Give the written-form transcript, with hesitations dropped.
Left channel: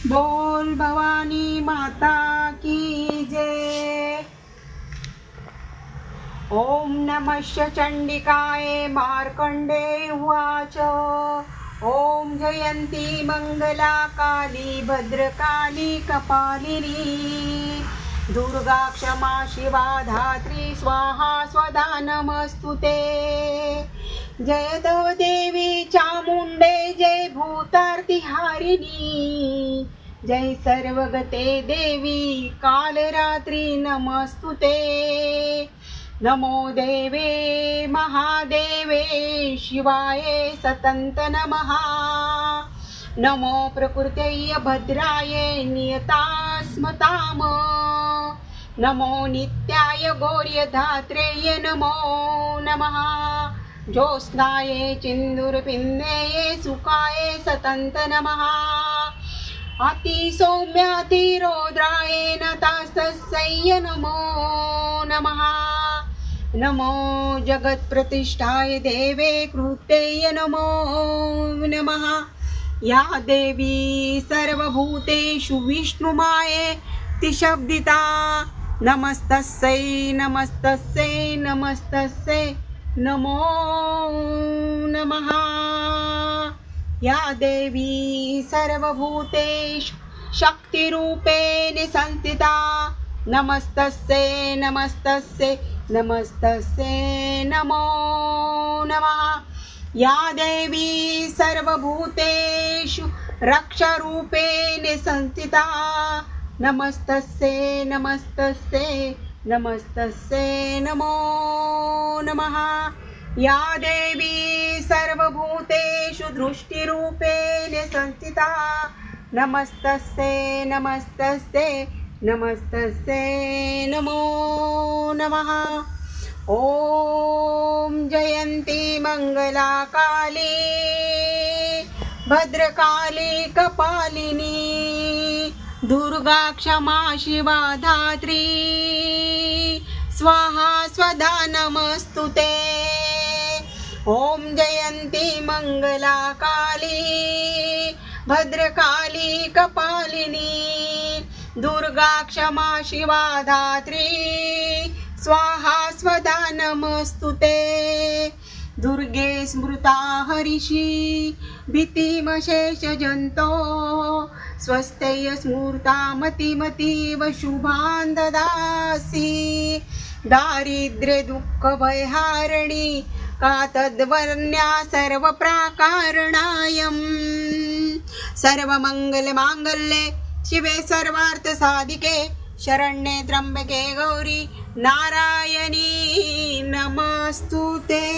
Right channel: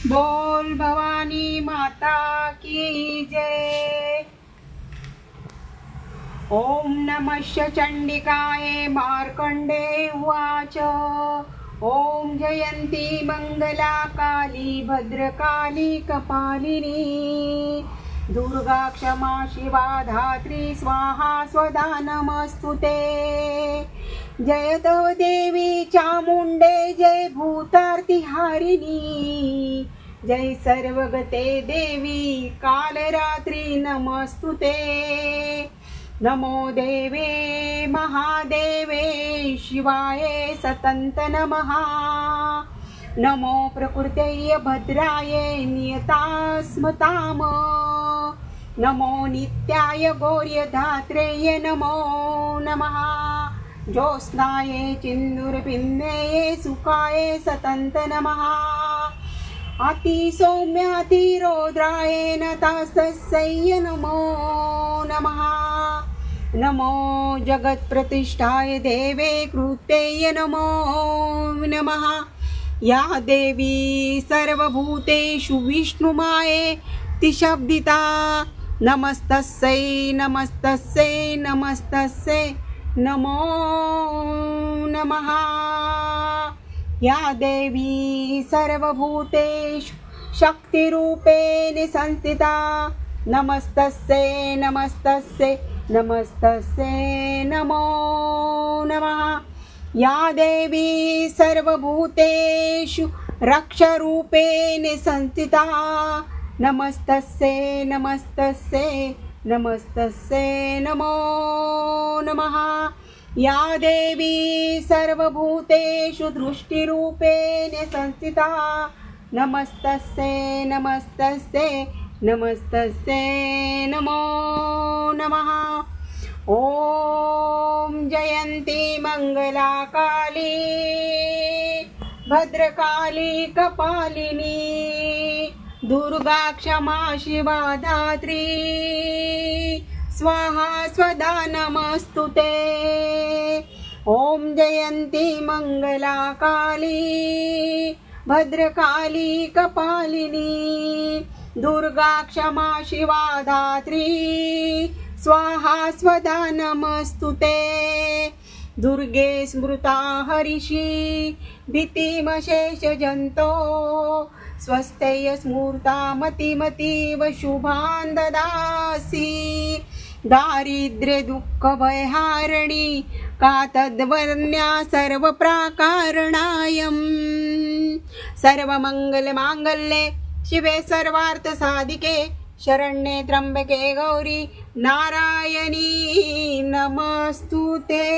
बोल भवानी माता की जय। ओम नमः चंडिकाये मार्कंडे उवाच। ओम जयंती मंगला काली भद्रकाली कपालिनी दुर्गा क्षमा शिवा धात्री स्वाहा स्वदा नमस्तुते। जय तो देवी चामुंडे जय भूतार्तिहारिणी जय सर्वगते देवी कालरात्रि नमस्तुते। नमो देवे महादेवे शिवाय सतंत नमः। नमो प्रकृतये भद्राय नियतास्मताम। नमो नित्याय गौर्यधात्रेय नमो नमः। ज्योत्स्नाये चिन्दूरपिन्नये सुखाय सतंत नमः। अतिसौम्यातिरौद्राय नतस्तस्यै नमो नमः। नमो जगत्प्रतिष्ठाय देवे कृत्यै नमो नमः। या देवी सर्वभूतेषु विष्णुमायेति शब्दिता नमस्तस्यै नमस्तस्यै नमस्तस्यै नमो नमः। या देवी सर्वभूतेषु शक्तिरूपेण संस्थिता नमस्तस्यै नमस्तस्यै नमस्तस्यै नमो नमः। या देवी सर्वभूतेषु रक्षारूपेण संस्थिता नमस्तस्यै नमस्तस्यै नमस्तस्यै नमो नमः। या देवी सर्वभूतेषु दृष्टिरूपेण संस्थिता नमस्तस्यै नमस्तस्यै नमस्तस्यै नमो नमः। ओम जयंती मंगला काली भद्रकाली कपालिनी दुर्गा क्षमा शिवा धात्री स्वाहा स्वदा नमस्तुते। ओम जयंती मंगला काली भद्रकाली कपालिनी दुर्गा क्षमा शिवा धात्री स्वाहा स्वदा नमस्तुते। दुर्गे स्मृता हरिषि भीतिमशेष जंतो स्वस्त्यय स्मृता मतिमतीव शुभान् ददासि। दारिद्र्य दुःख भयहारिणी का तद्वर्ण्या सर्वप्राकारणायं। सर्वमंगलमांगल्ये शिवे सर्वार्थ साधिके शरण्ये त्र्यंबके गौरी नारायणी नमस्तुते।